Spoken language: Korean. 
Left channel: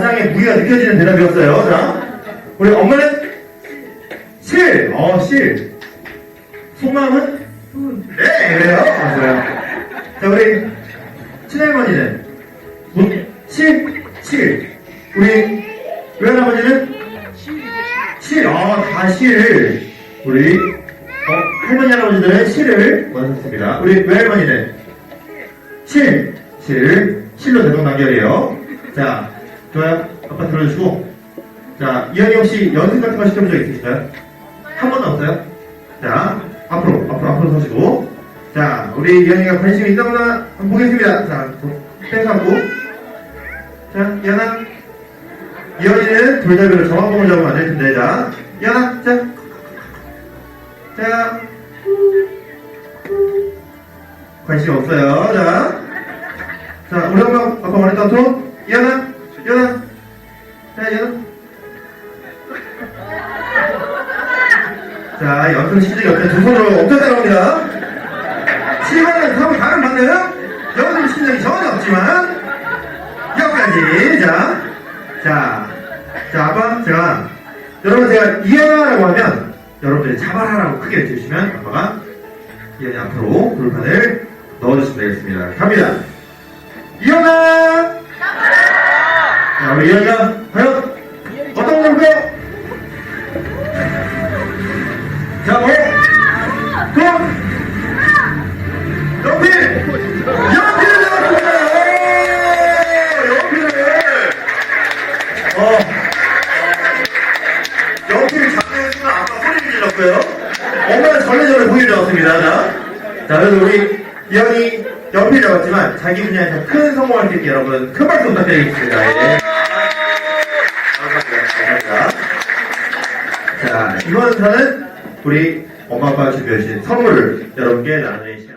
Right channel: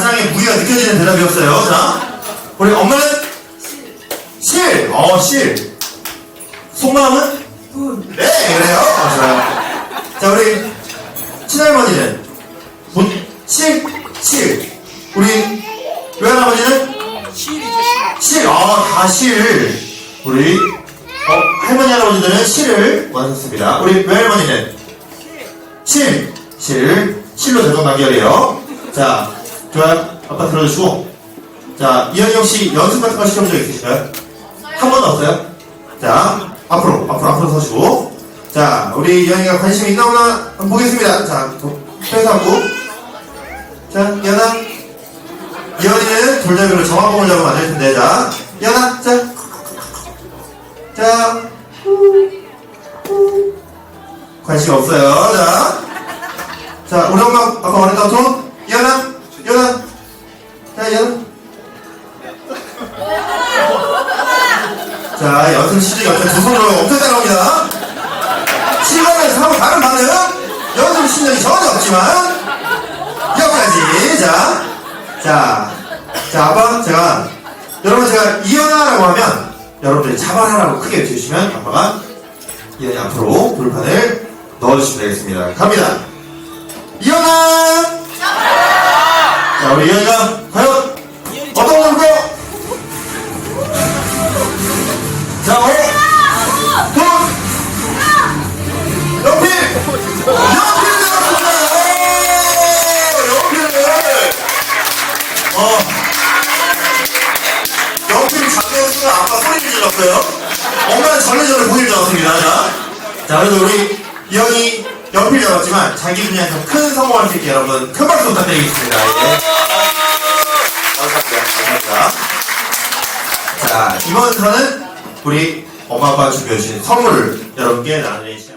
가장의 무게가 느껴지는 대답이었어요. 자, 우리 엄마는 실. 어, 실. 속마음은 분. 네, 그래요. 어, 좋아요. 자, 우리 친할머니는 본, 실, 실. 우리 외할아버지는 실. 어, 다 실. 우리 어, 할머니 할아버지들은 실을 원하셨습니다. 우리 외할머니는 실, 실, 실로 대동 단결이에요. 자, 좋아요. 아빠 들어주시고. 자, 이현이 혹시 연습 같은 거 시켜본 적 있으실까요? 한 번도 없어요? 자, 앞으로, 앞으로, 앞으로 서시고. 자, 우리 이현이가 관심이 있나 보나 한번 보겠습니다. 자, 하고. 자, 이현아. 이현이는 돌잡이로 정화봉을 잡으면 안 될 텐데. 자, 이현아, 자. 자. 관심 없어요. 자. 자, 우리 엄마, 아까 말했던 톤. 이현아, 이현아. 자, 이현아. 자, 연습 시즌 옆에 두 손으로 엄청 따라옵니다. 실감에서 하고 다른 반응. 연습 실력이 전혀 없지만, 여기까지. 자, 자, 자, 아빠, 제가, 여러분 제가 이현아라고 하면, 여러분들이 잡아라라고 크게 외쳐주시면, 아빠가 이현이 앞으로 돌판을 넣어주시면 되겠습니다. 갑니다. 이현아! 자, 우리 이현이가 과연 어떤 걸까요? 자, 어? 돈! 연필! 연필을 나왔습니다! 오! 연필을! 어. 연필 잡는 순간 아빠 소리를 질렀어요. 엄마는 전래전래 보일 줄 알았습니다. 자, 자, 그래도 우리 이현이 연필 잡았지만 자기 분야에서 큰 성공할 수 있게 여러분 큰 박수 부탁드리겠습니다. 예. 감사합니다. 자, 이번 사는 우리 엄마 아빠 준비해주신 선물을 여러분께 나눠드리겠습니다.